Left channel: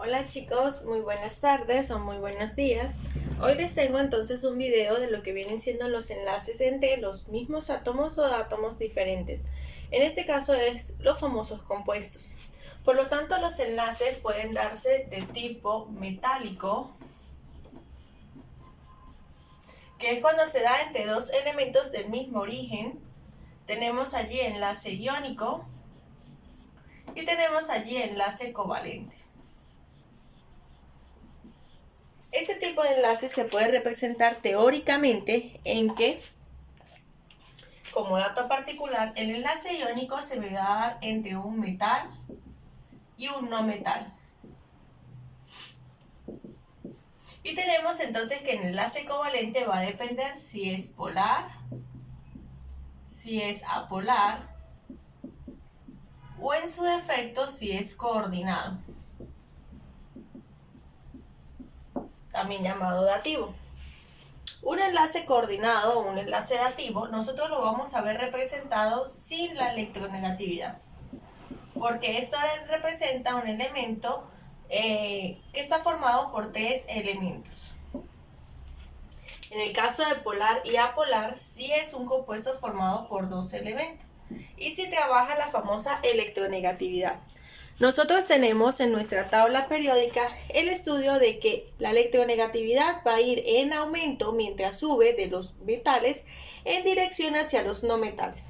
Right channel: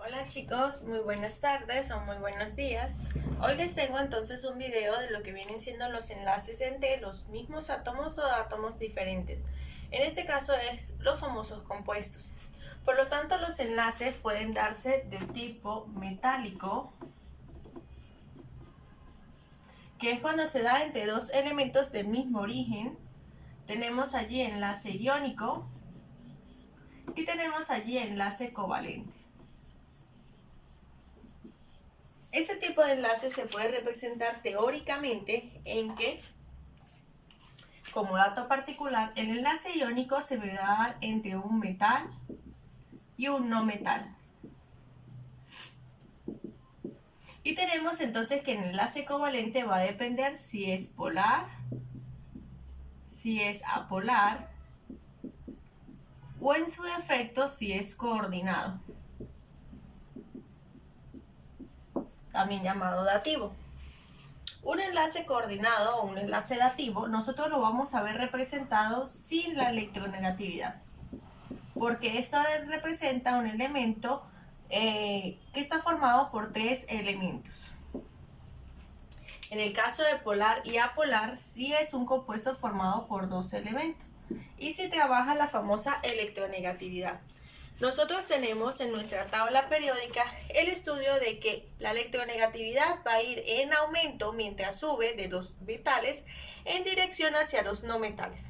Hola chicos, muy buenas tardes o muy buenos días. Hoy les tengo entonces un video de lo que vienen siendo los enlaces entre los mismos átomos o átomos diferentes. En este caso es los famosos compuestos. Por lo tanto, los enlaces pueden darse de tipo metálico, que es cuando se da entre dos elementos del mismo origen. Tenemos allí enlace iónico y tenemos allí enlace covalente. Este tipo de enlace se puede representar teóricamente en que, como dato particular, el enlace iónico se va a dar entre un metal y un no metal. Y tenemos entonces que el enlace covalente va a depender si es polar, si es apolar o en su defecto si es coordinado, también llamado dativo. Un enlace coordinado o un enlace dativo, nosotros lo vamos a ver representado sin la electronegatividad, porque esto representa un elemento que está formado por tres elementos. En el caso de polar y apolar, sí es un compuesto formado por dos elementos y se trabaja la famosa electronegatividad. Nosotros tenemos en nuestra tabla periódica el estudio de que la electronegatividad va a ir en aumento mientras sube de los metales en dirección hacia los no metales.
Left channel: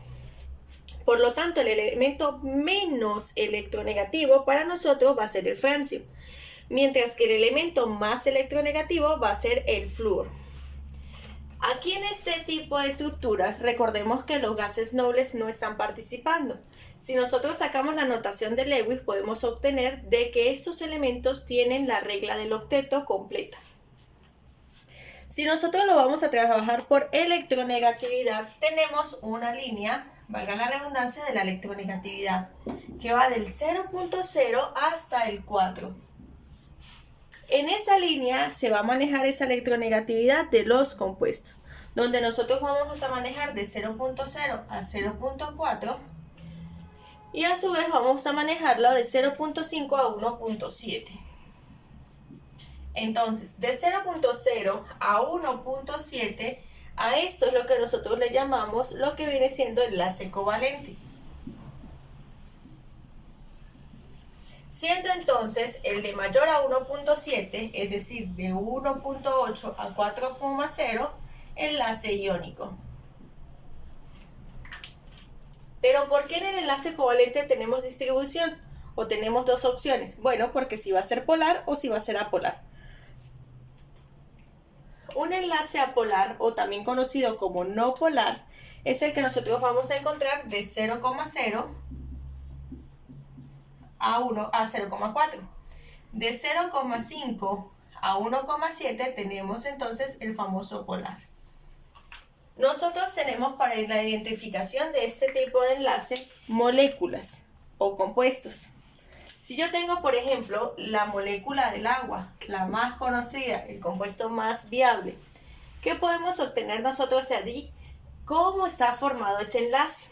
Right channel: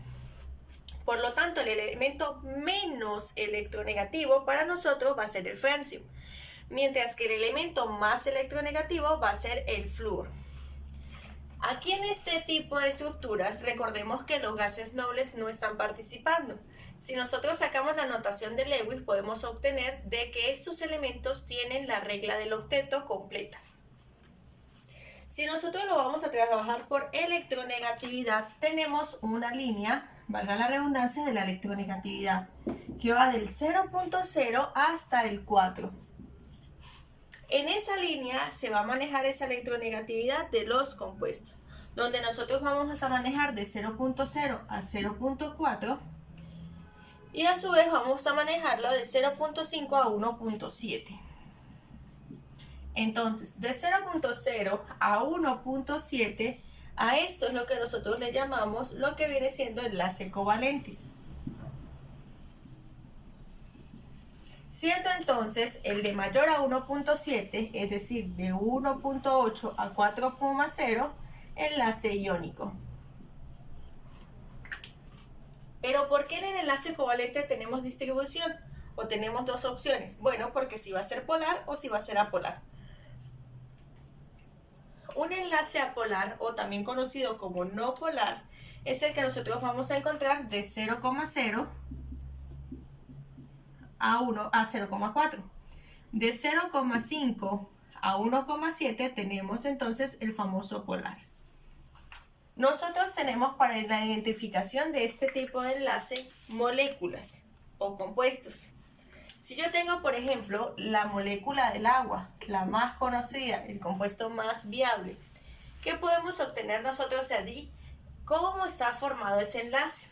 Por lo tanto, el elemento menos electronegativo para nosotros va a ser el francio, mientras que el elemento más electronegativo va a ser el flúor. Aquí en este tipo de estructuras, recordemos que los gases nobles no están participando. Si nosotros sacamos la notación de Lewis, podemos obtener de que estos elementos tienen la regla del octeto completa. Si nosotros lo vamos a trabajar por electronegatividad, tenemos una línea, valga la redundancia, de la electronegatividad, que va del 0.0 hasta el 4. En esa línea se va a manejar esa electronegatividad de los compuestos, donde nosotros vamos a manejar de 0.0 a 0.4 y a su vez vamos a manejarlo de 0.5 a 1.7. Entonces, de 0.0 a 1.7, a esto es lo que nosotros le llamamos lo que viene siendo enlace covalente. Siendo entonces el de mayor a 1.7, es decir, de 1.8 a 4.0, enlace iónico. Pero ¿por qué en el enlace covalente tenemos distribución? ¿O tenemos dos opciones? Bueno, porque si va a ser polar o si va a ser apolar. Un enlace apolar, o también conocido como no polar, es el que nosotros vamos a encontrar de 0,0 a 0,4. De 0,5 a 1,7 tenemos entonces el famoso polar. Nosotros tenemos para la identificación de este tipo de enlace moléculas o compuestos. Si yo tengo, por ejemplo, la molécula del agua, la más conocida, el compuesto más viable, ¿qué podemos obtener nosotros de allí? ¿Cómo está formado ese enlace?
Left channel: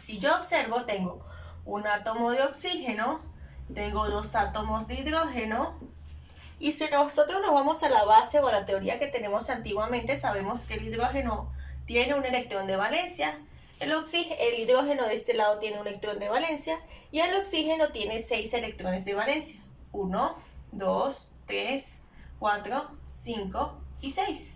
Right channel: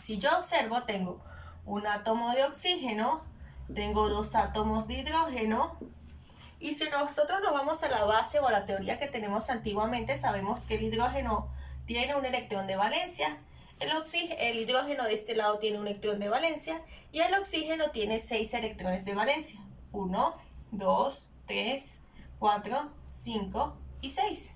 Si yo observo, tengo un átomo de oxígeno, tengo dos átomos de hidrógeno, y si nosotros nos vamos a la base o a la teoría que tenemos antiguamente, sabemos que el hidrógeno tiene un electrón de valencia, el hidrógeno de este lado tiene un electrón de valencia y el oxígeno tiene 6 electrones de valencia. 1, 2, 3, 4, 5 y 6.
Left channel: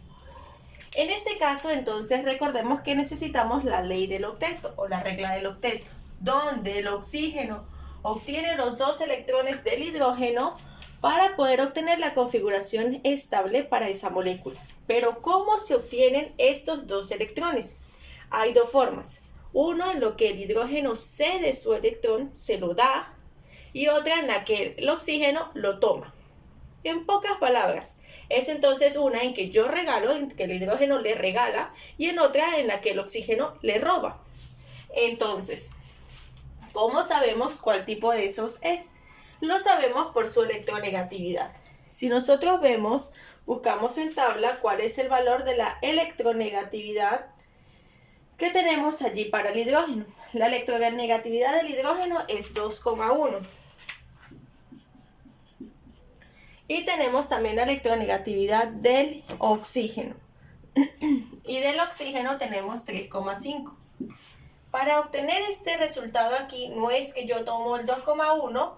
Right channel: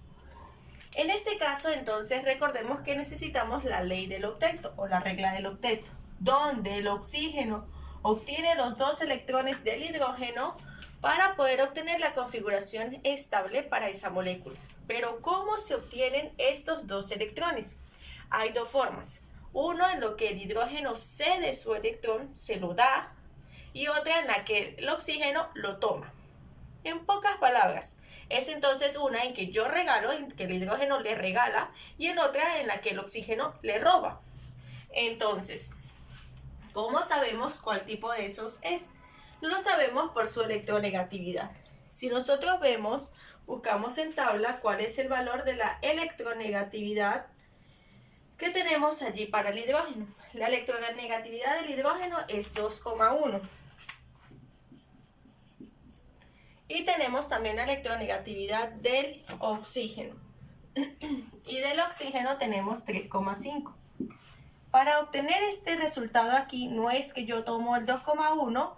En este caso, entonces, recordemos que necesitamos la ley del octeto o la regla del octeto, donde el oxígeno obtiene los 2 electrones del hidrógeno para poder obtener la configuración estable para esa molécula. Pero ¿cómo se obtienen estos 2 electrones? Hay dos formas. Uno en lo que el hidrógeno cede su electrón, se lo da, y otra en la que el oxígeno lo toma. En pocas palabras, es entonces una en que yo regalo, en que el hidrógeno le regala, y en otra en la que el oxígeno le roba. Entonces, ¿cómo sabemos cuál tipo de esos es? Lo sabemos por su electronegatividad. Si nosotros buscamos en tabla cuál es el valor de la electronegatividad que tenemos allí para el hidrógeno. La electronegatividad del hidrógeno es 2,1. Y tenemos también la electronegatividad del oxígeno. Y del oxígeno tenemos 3,5. Para obtener este resultado aquí, no es que yo tomo el 2,1,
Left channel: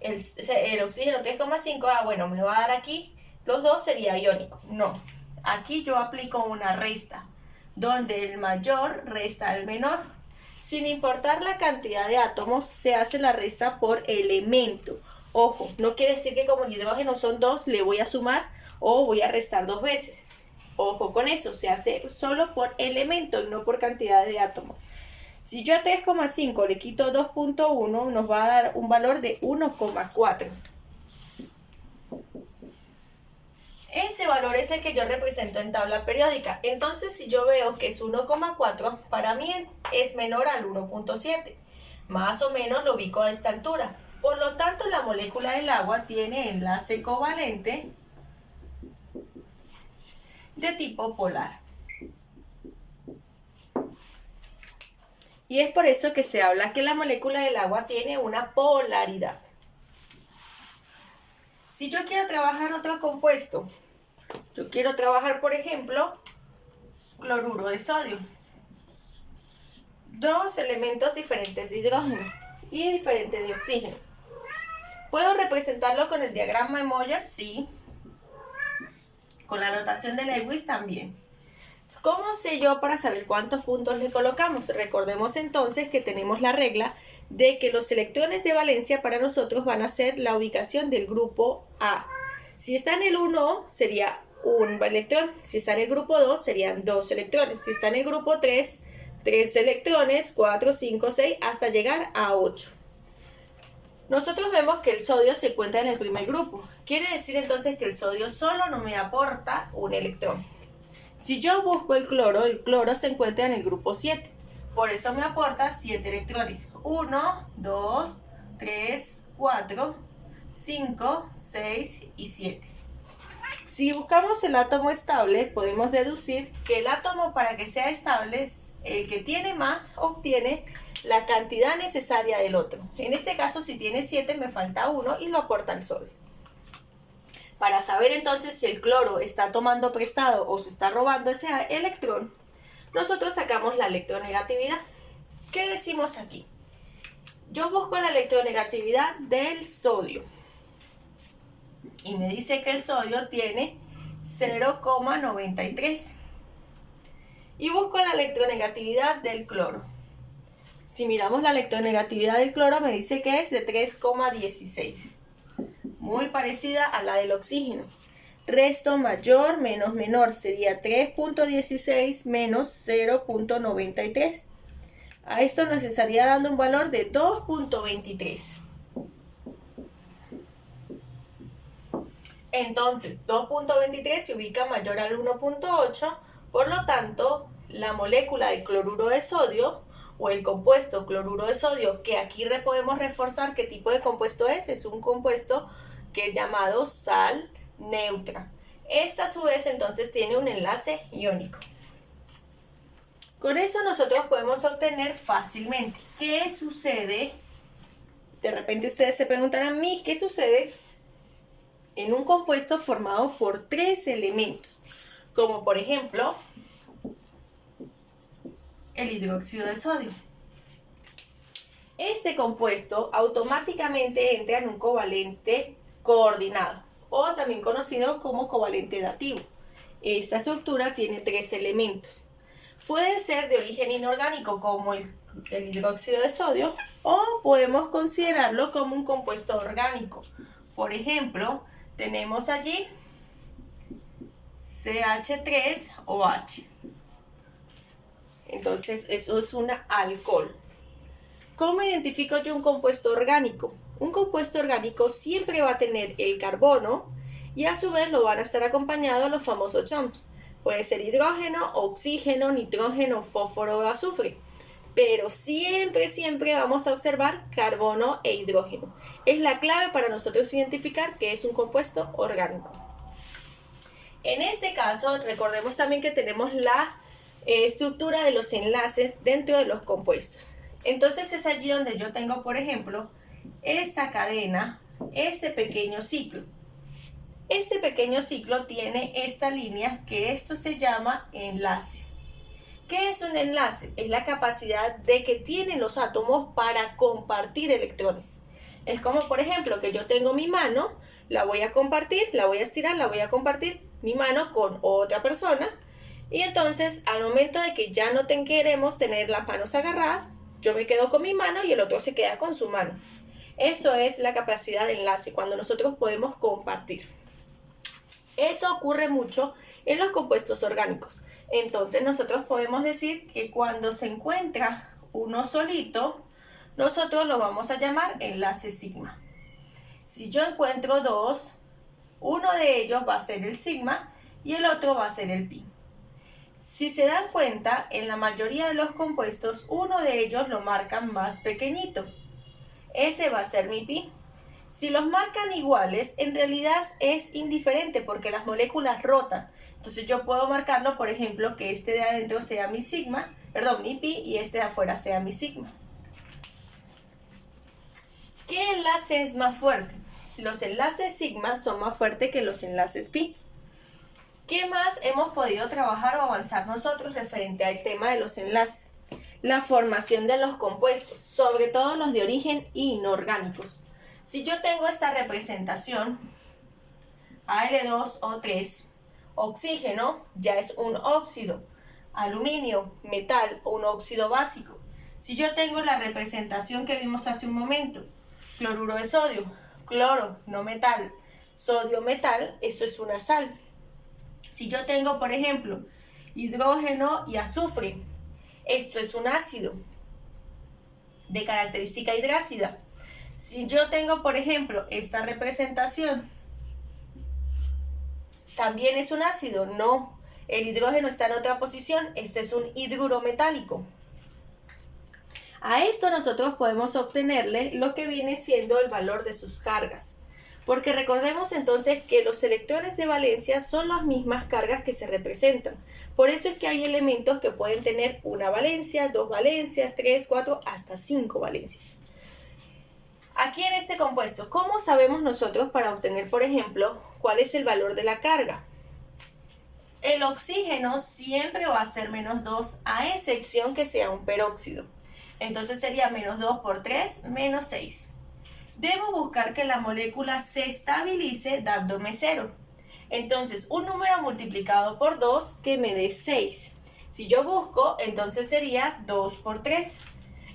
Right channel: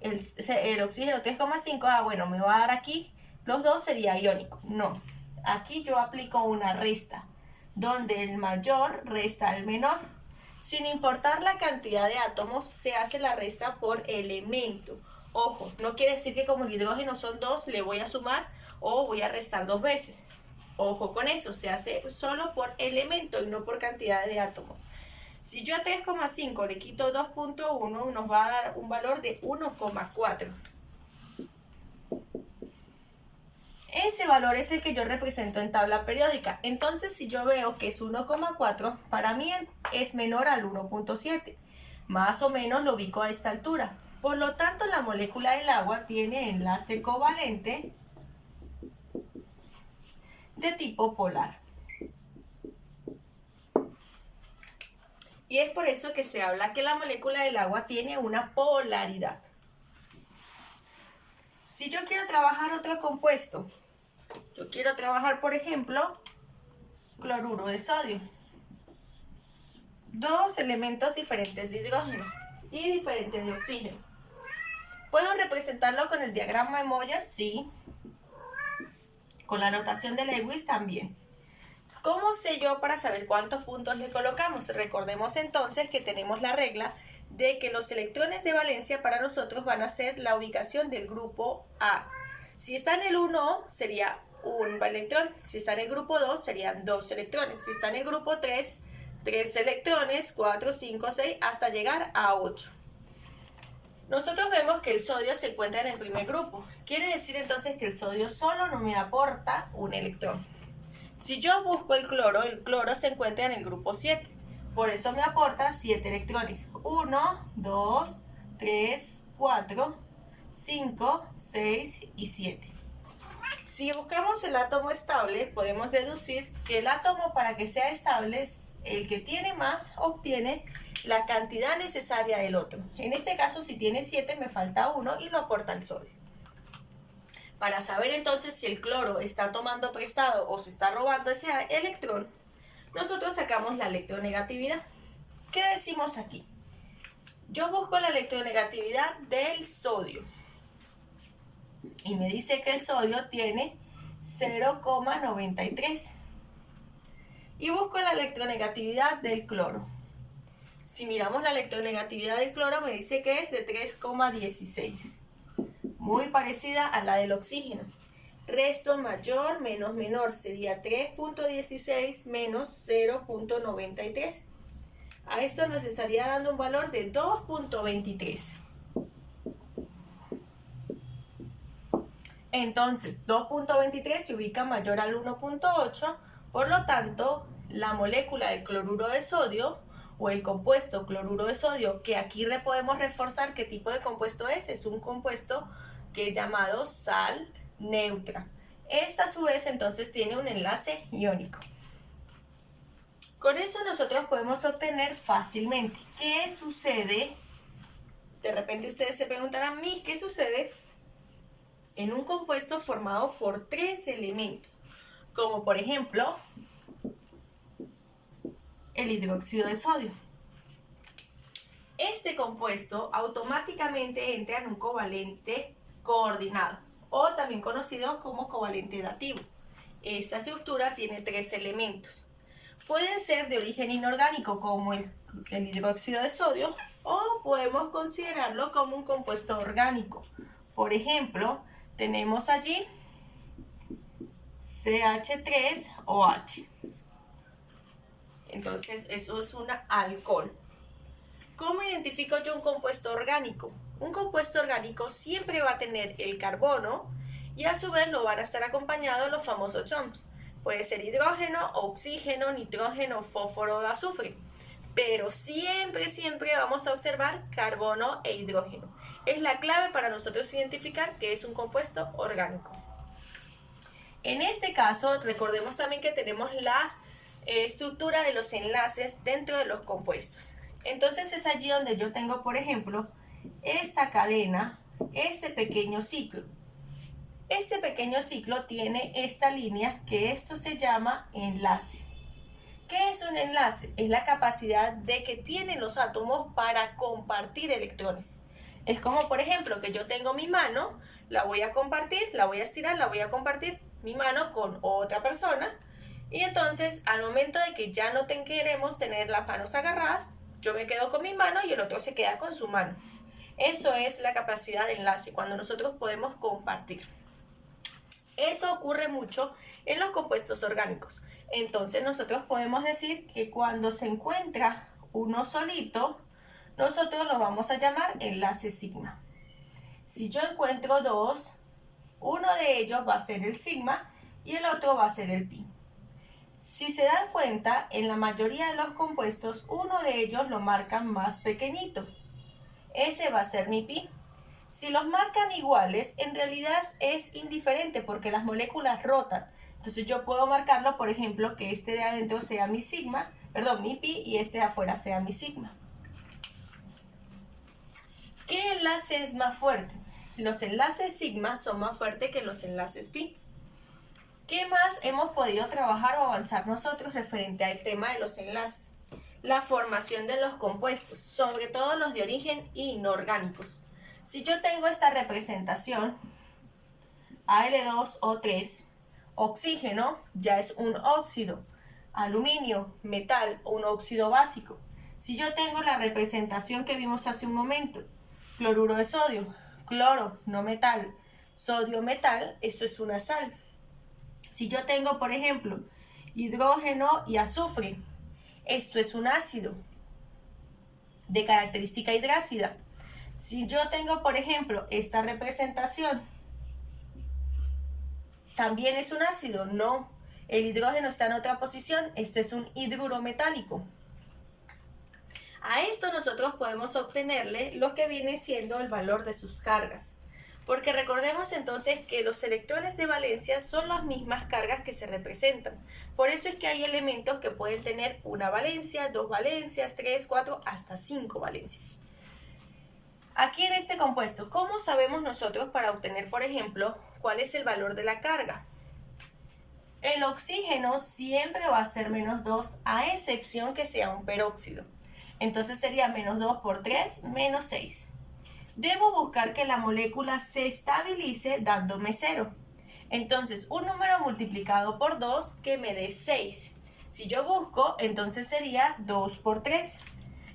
el oxígeno 3,5, bueno, me va a dar aquí, los dos sería iónico. No, aquí yo aplico una resta, donde el mayor resta al menor. Sin importar la cantidad de átomos, se hace la resta por elemento. Ojo, no quiere decir que como el hidrógeno son 2, le voy a sumar o voy a restar 2 veces. Ojo con eso, se hace solo por elemento y no por cantidad de átomos. Si yo a 3,5 le quito 2,1, nos va a dar un valor de 1,4. Ese valor es el que yo represento en tabla periódica. Entonces, si yo veo que es 1,4, para mí es menor al 1,7. Más o menos lo ubico a esta altura. Por lo tanto, la molécula del agua tiene enlace covalente de tipo polar. Y es por eso que se habla que la molécula del agua tiene una polaridad. Si yo quiero trabajar otro compuesto, yo quiero trabajar, por ejemplo, cloruro de sodio. Dos elementos diferentes de hidrógeno y diferentes de oxígeno. ¿Puedo representarlo con el diagrama de Moller? Sí. Con la notación de Lewis también. ¿Cómo sé yo para saber cuántos puntos le colocamos? Recordemos entonces que tenemos la regla de que los electrones de valencia para nosotros van a ser la ubicación del grupo A. Si está en el 1, sería un electrón. Si está en el grupo 2, serían 2 electrones. Si está en el grupo 3, 3 electrones, 4, 5, 6, hasta llegar a 8. Nosotros vemos que el sodio se encuentra en el primer grupo. Quiere decir entonces que el sodio solo no me aporta un electrón. Si yo busco el cloro se encuentra en el grupo 7. Por eso me aporta 7 electrones. 1, 2, 3, 4, 5, 6 y 7. Si buscamos el átomo estable, podemos deducir que el átomo, para que sea estable, el que tiene más obtiene la cantidad necesaria del otro. En este caso, si tiene 7, me falta 1 y lo aporta el sodio. Para saber entonces si el cloro está tomando prestado o se está robando ese electrón, nosotros sacamos la electronegatividad. ¿Qué decimos aquí? Yo busco la electronegatividad del sodio. Y me dice que el sodio tiene 0,93. Y busco la electronegatividad del cloro. Si miramos la electronegatividad del cloro, me dice que es de 3,16. Muy parecida a la del oxígeno. Resto mayor menos menor sería 3,16 menos 0,93. A esto nos estaría dando un valor de 2,23. Entonces, 2,23 se ubica mayor al 1,8, por lo tanto, la molécula del cloruro de sodio o el compuesto cloruro de sodio, que aquí podemos reforzar qué tipo de compuesto es un compuesto que es llamado sal neutra. Esta a su vez entonces tiene un enlace iónico. Con eso nosotros podemos obtener fácilmente. ¿Qué sucede? De repente ustedes se preguntarán a mí, ¿qué sucede en un compuesto formado por 3 elementos? Como por ejemplo, el hidróxido de sodio. Este compuesto automáticamente entra en un covalente coordinado, o también conocido como covalente dativo. Esta estructura tiene 3 elementos. Pueden ser de origen inorgánico, como el hidróxido de sodio, o podemos considerarlo como un compuesto orgánico. Por ejemplo, tenemos allí CH3OH. Entonces, eso es un alcohol. ¿Cómo identifico yo un compuesto orgánico? Un compuesto orgánico siempre va a tener el carbono y a su vez lo van a estar acompañados los famosos CHOMS. Puede ser hidrógeno, oxígeno, nitrógeno, fósforo o azufre. Pero siempre vamos a observar carbono e hidrógeno. Es la clave para nosotros identificar que es un compuesto orgánico. En este caso, recordemos también que tenemos la estructura de los enlaces dentro de los compuestos. Entonces es allí donde yo tengo, por ejemplo, esta cadena, este pequeño ciclo. Este pequeño ciclo tiene esta línea que esto se llama enlace. ¿Qué es un enlace? Es la capacidad de que tienen los átomos para compartir electrones. Es como, por ejemplo, que yo tengo mi mano, la voy a compartir, la voy a estirar, la voy a compartir mi mano con otra persona. Y entonces, al momento de que ya no queremos tener las manos agarradas, yo me quedo con mi mano y el otro se queda con su mano. Eso es la capacidad de enlace, cuando nosotros podemos compartir. Eso ocurre mucho en los compuestos orgánicos. Entonces nosotros podemos decir que cuando se encuentra uno solito, nosotros lo vamos a llamar enlace sigma. Si yo encuentro dos, uno de ellos va a ser el sigma y el otro va a ser el pi. Si se dan cuenta, en la mayoría de los compuestos, uno de ellos lo marcan más pequeñito. Ese va a ser mi pi. Si los marcan iguales, en realidad es indiferente porque las moléculas rotan. Entonces yo puedo marcarlo, por ejemplo, que este de adentro sea mi pi, y este de afuera sea mi sigma. ¿Qué enlace es más fuerte? Los enlaces sigma son más fuertes que los enlaces pi. ¿Qué más hemos podido trabajar o avanzar nosotros referente al tema de los enlaces? La formación de los compuestos, sobre todo los de origen inorgánicos. Si yo tengo esta representación, Al2O3, oxígeno ya es un óxido, aluminio, metal o un óxido básico. Si yo tengo la representación que vimos hace un momento, cloruro de sodio, cloro, no metal, sodio, metal, eso es una sal. Si yo tengo, por ejemplo, hidrógeno y azufre, esto es un ácido de característica hidrácida. Si yo tengo, por ejemplo, esta representación, ¿también es un ácido? No, el hidrógeno está en otra posición, esto es un hidruro metálico. A esto nosotros podemos obtenerle lo que viene siendo el valor de sus cargas. Porque recordemos entonces que los electrones de valencia son las mismas cargas que se representan. Por eso es que hay elementos que pueden tener una valencia, dos valencias, 3, 4, hasta 5 valencias. Aquí en este compuesto, ¿cómo sabemos nosotros para obtener, por ejemplo, cuál es el valor de la carga? El oxígeno siempre va a ser menos 2, a excepción que sea un peróxido. Entonces sería menos 2 por 3, menos 6. Debo buscar que la molécula se estabilice dándome 0. Entonces, un número multiplicado por 2 que me dé 6. Si yo busco, entonces sería 2 por 3.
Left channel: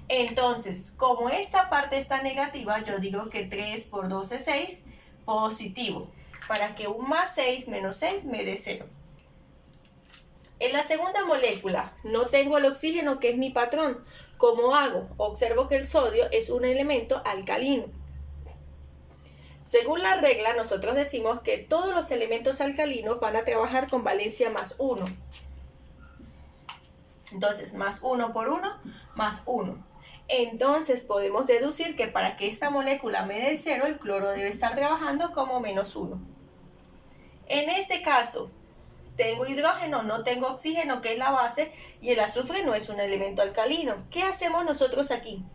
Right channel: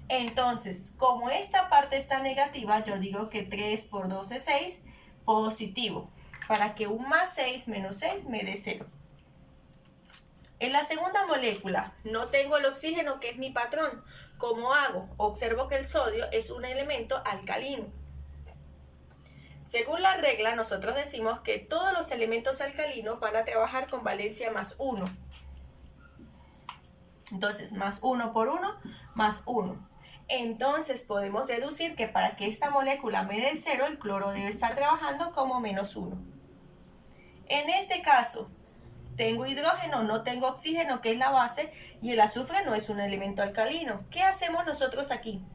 Entonces, como esta parte está negativa, yo digo que 3 por 2 es 6, positivo, para que un más 6 menos 6 me dé 0. En la segunda molécula, no tengo el oxígeno, que es mi patrón. ¿Cómo hago? Observo que el sodio es un elemento alcalino. Según la regla, nosotros decimos que todos los elementos alcalinos van a trabajar con valencia más 1. Entonces, más 1 por 1, más 1. Entonces, podemos deducir que para que esta molécula me dé 0, el cloro debe estar trabajando como menos 1. En este caso, tengo hidrógeno, no tengo oxígeno, que es la base, y el azufre no es un elemento alcalino. ¿Qué hacemos nosotros aquí?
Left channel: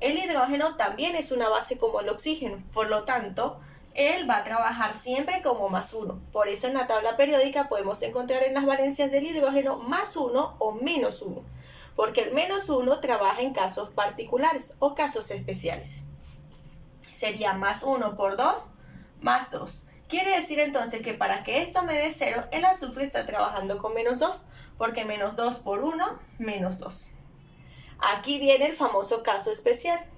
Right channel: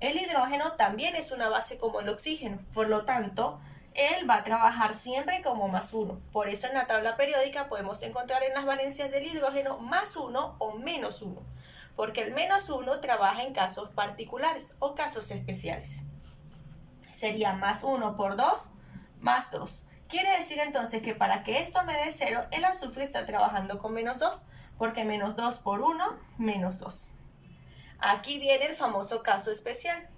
El hidrógeno también es una base como el oxígeno, por lo tanto, él va a trabajar siempre como más 1. Por eso en la tabla periódica podemos encontrar en las valencias del hidrógeno más 1 o menos 1, porque el menos 1 trabaja en casos particulares o casos especiales. Sería más 1 por 2, más 2. Quiere decir entonces que para que esto me dé 0, el azufre está trabajando con menos 2, porque menos 2 por 1, menos 2. Aquí viene el famoso caso especial.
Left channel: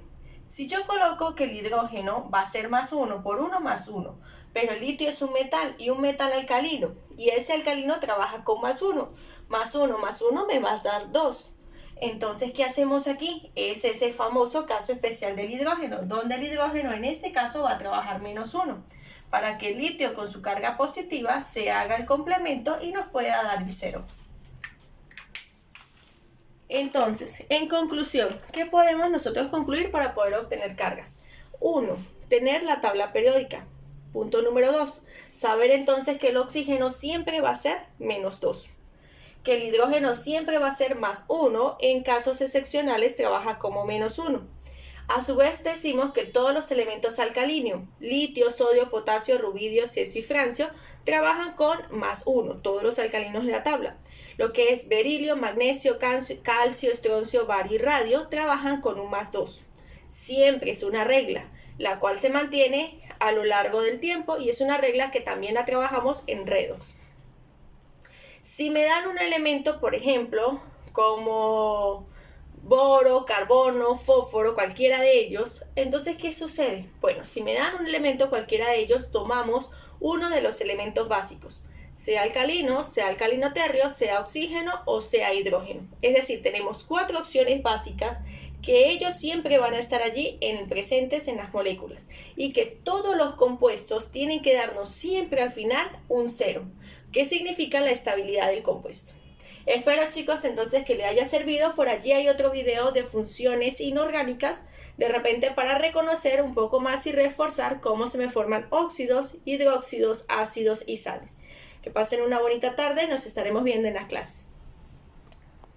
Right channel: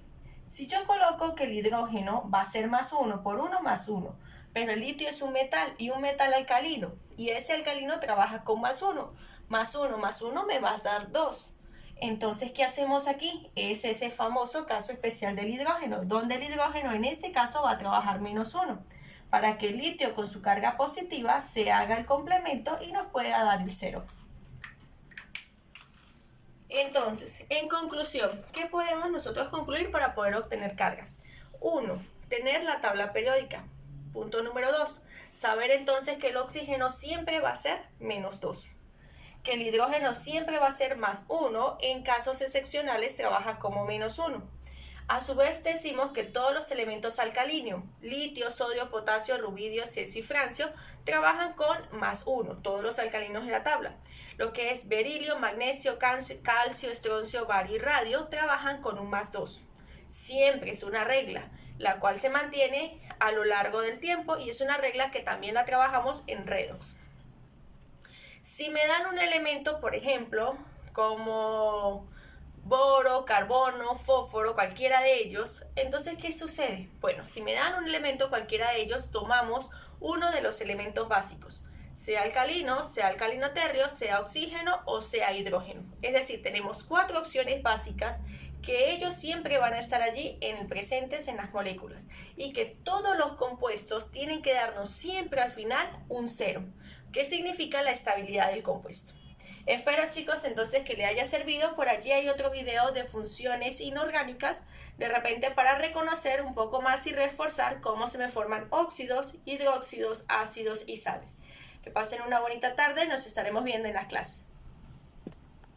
Si yo coloco que el hidrógeno va a ser más 1 por 1 más 1, pero el litio es un metal y un metal alcalino, y ese alcalino trabaja con más 1 más 1 más 1 me va a dar 2. Entonces, ¿qué hacemos aquí? Es ese famoso caso especial del hidrógeno, donde el hidrógeno en este caso va a trabajar menos 1, para que el litio con su carga positiva se haga el complemento y nos pueda dar el 0. Entonces, en conclusión, ¿qué podemos nosotros concluir para poder obtener cargas? 1. Tener la tabla periódica. Punto número 2. Saber entonces que el oxígeno siempre va a ser menos 2. Que el hidrógeno siempre va a ser más 1, en casos excepcionales trabaja como menos 1. A su vez decimos que todos los elementos alcalinos, litio, sodio, potasio, rubidio, cesio y francio, trabajan con +1, todos los alcalinos de la tabla. Lo que es berilio, magnesio, calcio, estroncio, bario y radio trabajan con un +2. Siempre es una regla, la cual se mantiene a lo largo del tiempo y es una regla que también la trabajamos en redox. Si me dan un elemento, por ejemplo, como boro, carbono, fósforo, cualquiera de ellos, entonces ¿qué sucede? Bueno, si me dan un elemento cualquiera de ellos, tomamos uno de los elementos básicos, sea alcalino térreo, sea oxígeno o sea hidrógeno. Es decir, tenemos 4 opciones básicas que ellos siempre van a estar allí presentes en las moléculas y que todos los compuestos tienen que darnos siempre al final un 0, que significa la estabilidad del compuesto. Espero, chicos, entonces que le haya servido. Por allí hay otro video de funciones inorgánicas, de repente para reconocer un poco más y reforzar cómo se me forman óxidos, hidróxidos, ácidos y sales. Que pasen una bonita tarde, nos estaremos viendo en las clases.